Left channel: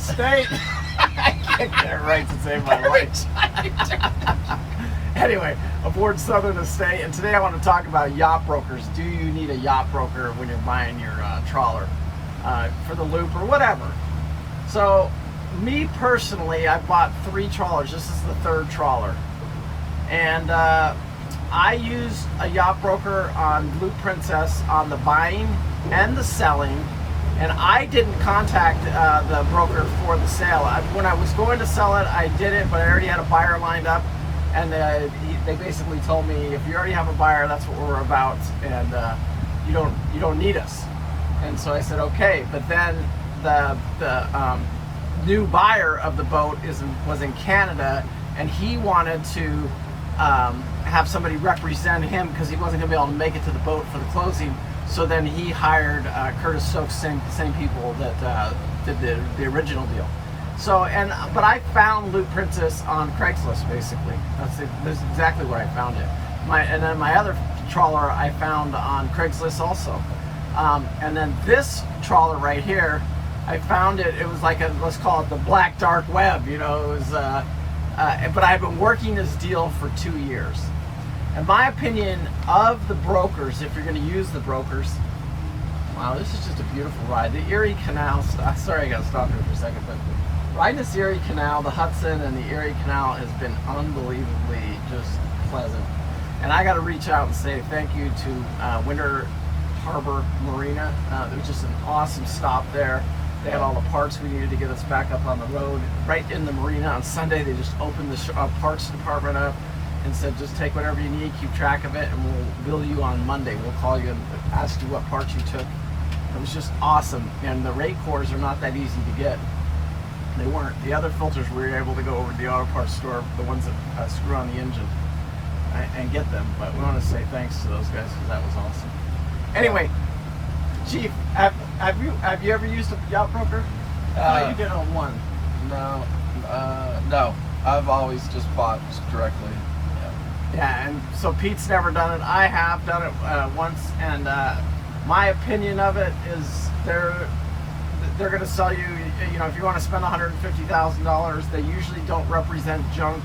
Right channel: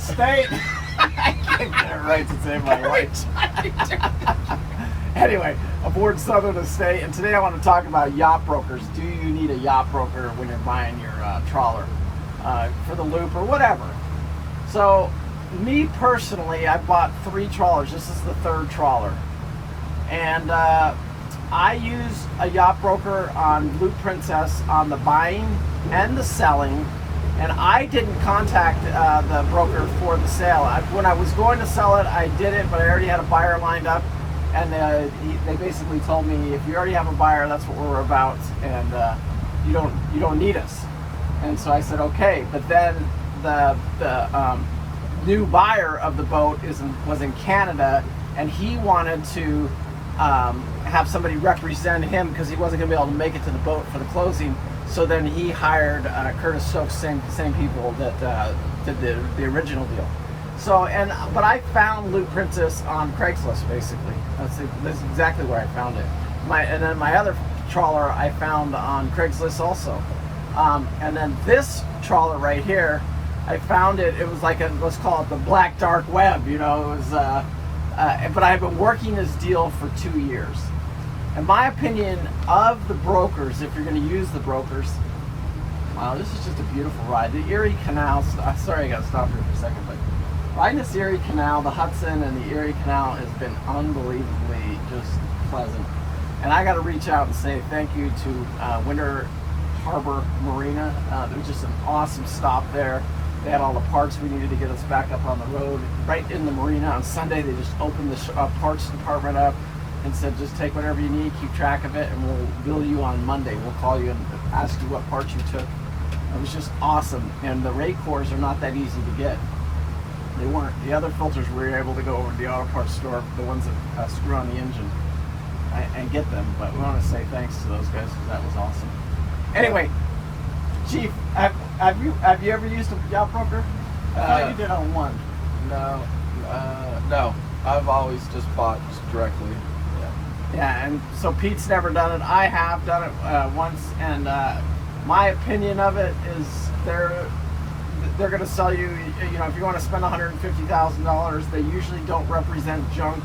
Estate. I can't get it right to save my life. Anyway, aboard Southern Estate, and today I want to talk about yacht brokers. Do you need a yacht broker when you're buying your trawler for the loop or whatever? So, me personally, I bought 3 trawlers. This is the 3rd trawler, and I use a yacht broker on Loop Princess on the buying and the selling. And I didn't contact the broker for the sale. When I was going to sell it, I did it, but I already had a buyer lined up. And they basically told me, if you already have a buyer, that's what we're about, and you don't need us. And so I said, okay. But then the new buyer of the boat was in Canada, and he wanted to have somebody represent him because he wasn't going to be able to make it to the boat for the closing. So then he hired Curtis Stokes, same people that did the original deal. So but I found Loop Princess on Craigslist basically. That's exactly where I found it. And then my other trawler I found on Craigslist also. And then this trawler right here, I found it. It was like let's call it the black dark web. You know, it was. But I've been working this deal for 2 years. In my opinion of the brokers, if you're going to use the brokers, wow, this is just a beautiful ride. The Erie Canal, sorry I got to stop here for a second, but riding this Erie Canal, the Hudson and the Erie Canal has been unbelievably just pleasant. And I got to reach out and say thank you to Winter Harbor Marina. It was just an awesome stop there. They had all the parts we needed to get us back up on the road. Right in the marina on Sunday, they just opened the parts department up and said, just take whatever you need, keep track of it, and we'll bill you on Monday. We'll call you and ask you what parts you took. It was just awesome. And the rate cores are not that easy to get. They weren't. The other filters we were able to go over to the auto parts store, the ones that screw on the engine, and get them. But we want to say thanks to those guys because that was awesome. Anyway, Chief, have you ever used a yacht broker? I thought you did on one. No. I've always just bought directly. Yeah, and so Pete's never done it. I have done it once, and my opinion of it is they're going to sell you. You know, if you want to spend $150,000, they usually don't represent junk,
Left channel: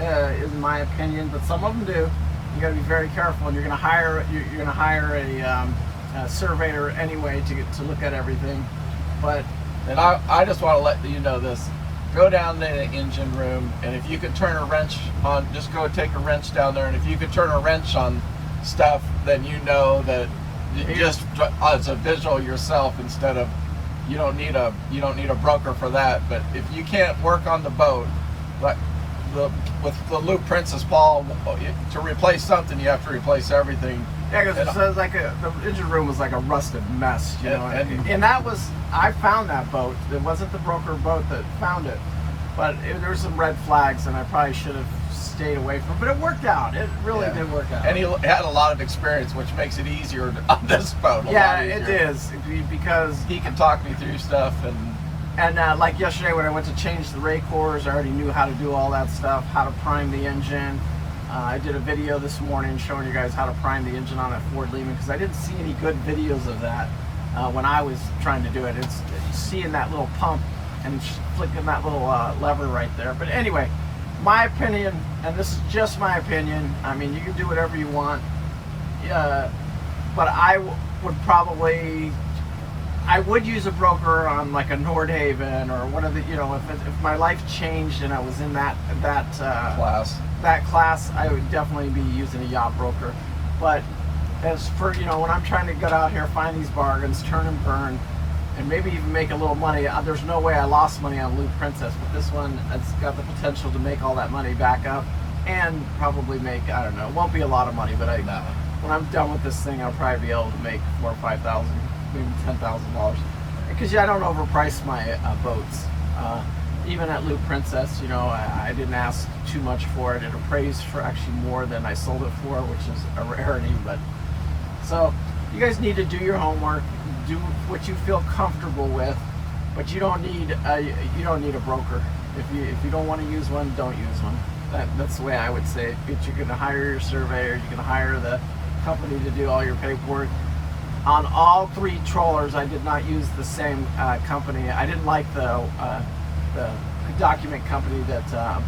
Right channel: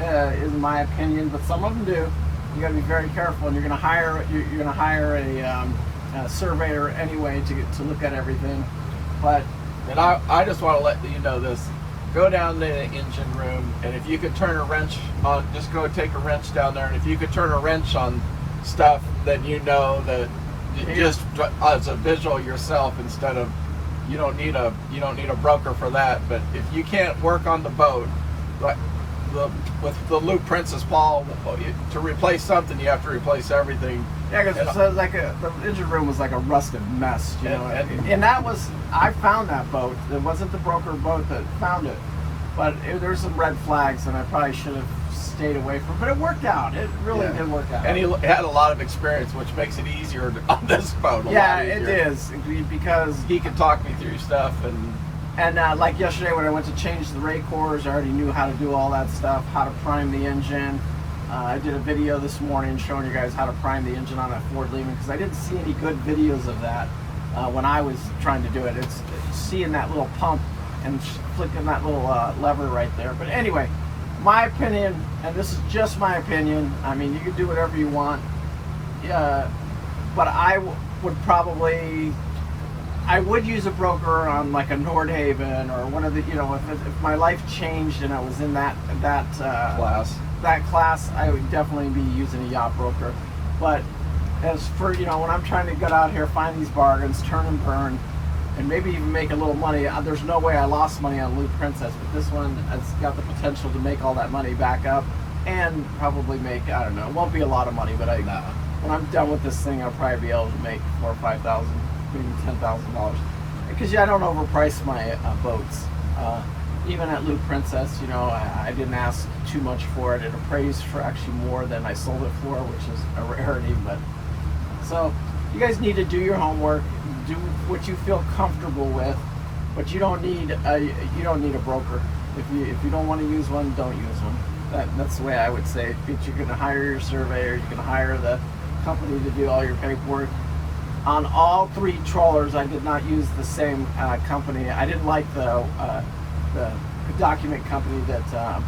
in my opinion, but some of them do. You got to be very careful, and you're going to hire a surveyor anyway to look at everything. But and I just want to let you know this. Go down to the engine room, and if you could turn a wrench on, just go take a wrench down there, and if you could turn a wrench on stuff, then you know that just as a visual yourself, instead of you don't need a broker for that. But if you can't work on the boat, like with the Loop Princess Paul, to replace something, you have to replace everything. Yeah, because it says the engine room was like a rusted mess, you know. And that was, I found that boat. It wasn't the broker boat that found it, but there were some red flags, and I probably should have stayed away from it. But it worked out. It really did work out. And he had a lot of experience, which makes it easier on this boat. Yeah, it is, because he can talk me through stuff. And like yesterday when I went to change the rate cores, I already knew how to do all that stuff, how to prime the engine. I did a video this morning showing you guys how to prime the engine on a Ford Lehman, because I didn't see any good videos of that when I was trying to do it. It's seeing that little pump and flicking that little lever right there. But anyway, my opinion, and this is just my opinion, I mean, you can do whatever you want, but I would use a broker on like a Nordhaven or one of the, you know, if my life changed and I was in that class, I would definitely be using a yacht broker. But as for, you know, when I'm trying to get out here, find these bargains, turn and burn, and maybe even make a little money, there's no way I lost money on Loop Princess, but this one has got the potential to make all that money back up and probably make, I don't know, it won't be a lot of money, but when I'm done with this thing, I'll probably be able to make $4,000 or $5,000, maybe $10,000, because I don't overprice my boats. Even at Loop Princess, you know, I didn't ask too much for it. It appraised for actually more than I sold it for, which is a rarity. But so you guys need to do your homework, do what you feel comfortable with, but you don't need a broker. If you don't want to use one, don't use one. That's the way I would say it. You're going to hire your surveyor, you're going to hire the company to do all your paperwork. On all 3 trawlers, I did not use the same company. I didn't like the document company that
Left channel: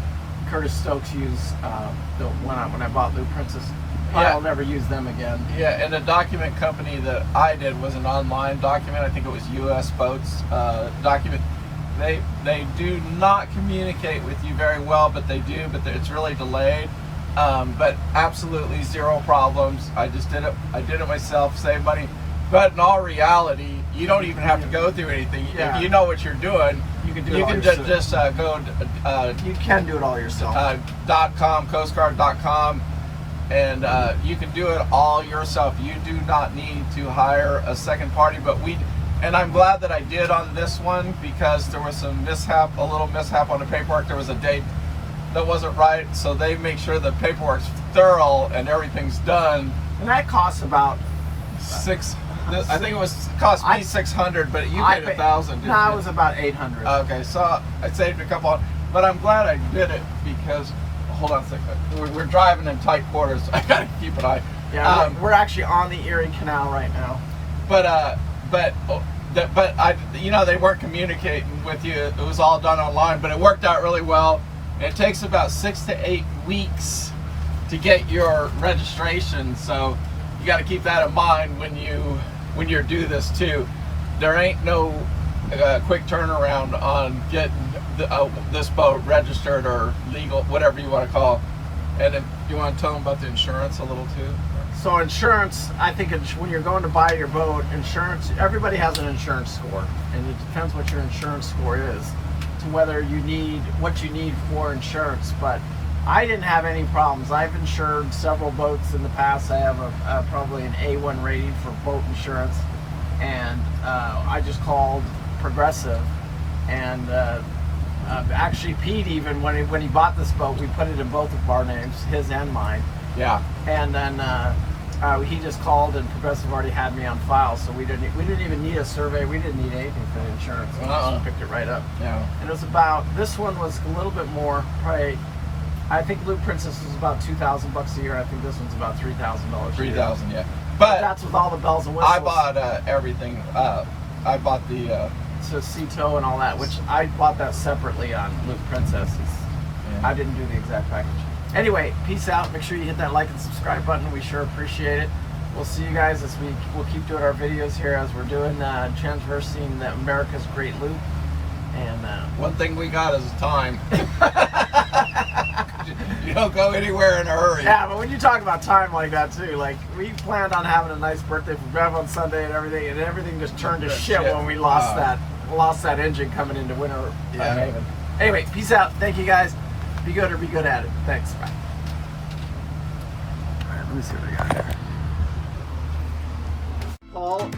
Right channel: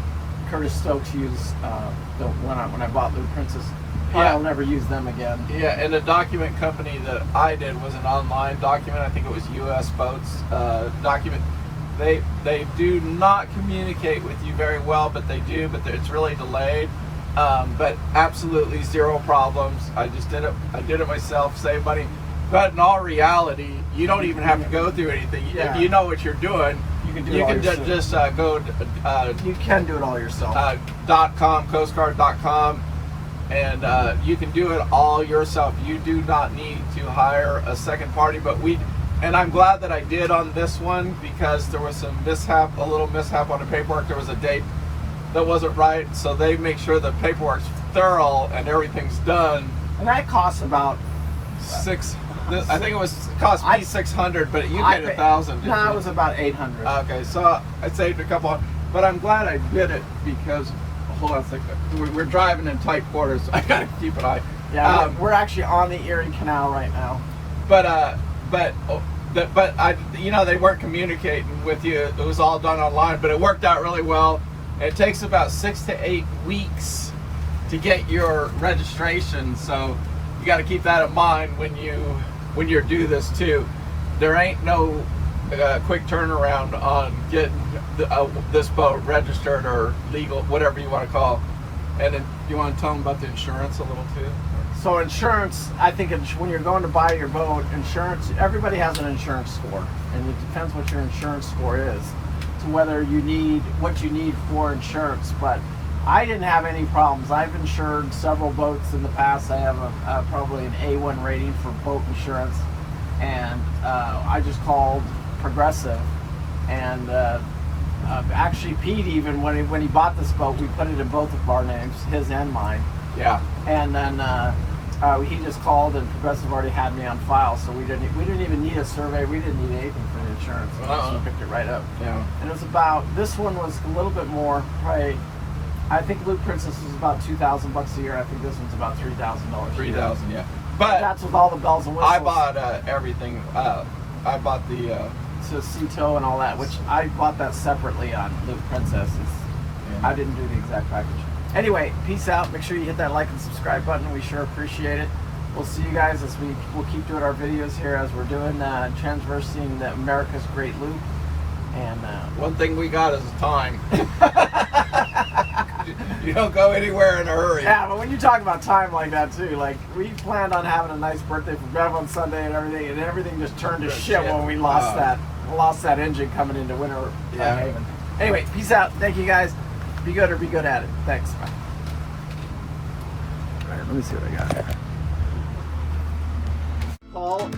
Curtis Stokes used when I bought Loop Princess. I'll never use them again. Yeah, and the document company that I did was an online document. I think it was U.S. Boats document. They do not communicate with you very well, but they do. But it's really delayed. But absolutely 0 problems. I just did it. I did it myself, saved money. But in all reality, you don't even have to go through anything. Yeah. If you know what you're doing, You can do it all yourself. just go You can do it all yourself. .com, coastguard.com, and you can do it all yourself. You do not need to hire a second party. And I'm glad that I did on this one, because there was some a little mishap on the paperwork. There was a date that wasn't right, so they make sure the paperwork's thorough and everything's done. And that costs about I think cost me $600, but you paid $1,000. No, it was about $800. Okay, so I saved a couple, but I'm glad I did it, because hold on a second. We're driving in tight quarters, so I gotta keep an eye. Yeah, we're actually on the Erie Canal right now. But they weren't communicating with you. It was all done online, but it worked out really well. It takes about 6 to 8 weeks to get your registration, so you got to keep that in mind when you do this too. There ain't no quick turnaround on getting this boat registered or legal, whatever you want to call it. And then you want to tell them about the insurance a little too? So insurance, I think when you're going to buy your boat, insurance, everybody has an insurance score, and it depends what your insurance score is to whether you need what you need for insurance. But I didn't have any problems. I've insured several boats in the past. I have probably an A1 rating for boat insurance, and I just called Progressive, and actually Pete, even when he bought this boat, we put it in both of our names, his and mine. Yeah. And then he just called, and Progressive already had me on file, so we didn't even need a survey. We didn't need anything for the insurance. We just picked it right up. Yeah. And it was this one was a little bit more, probably. I think Loop Princess is about $2,000 a year. I think this one's about $3,000. $3,000, yeah. But that's with all the bells and whistles. I bought everything. I bought the Sea-Tow and all that, which I bought that separately on Loop Princess. I didn't do the exact package. Anyway, peace out. Make sure you hit that like and subscribe button. We sure appreciate it. We'll see you guys as we'll keep doing our videos here as we're doing transversing America's Great Loop. And one thing we got is time. You don't go anywhere in a hurry. Yeah, but when you talk about time like that too, like we planned on having a nice birthday for Bev on Sunday and everything just turned to shit when we lost that engine coming into winter. Yeah. Anyway, peace out. Thank you guys. Be good or be good at it. Thanks. Bye. All right, let me see what I got here. Paul,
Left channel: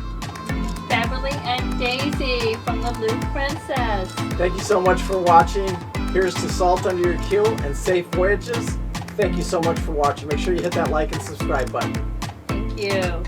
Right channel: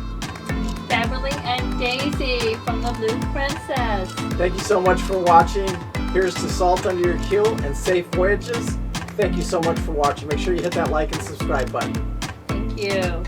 Beverly and Daisy from the Loop Princess. thank you so much for watching. Here's to salt under your keel and safe voyages. Thank you so much for watching. Make sure you hit that like and subscribe button. Thank you.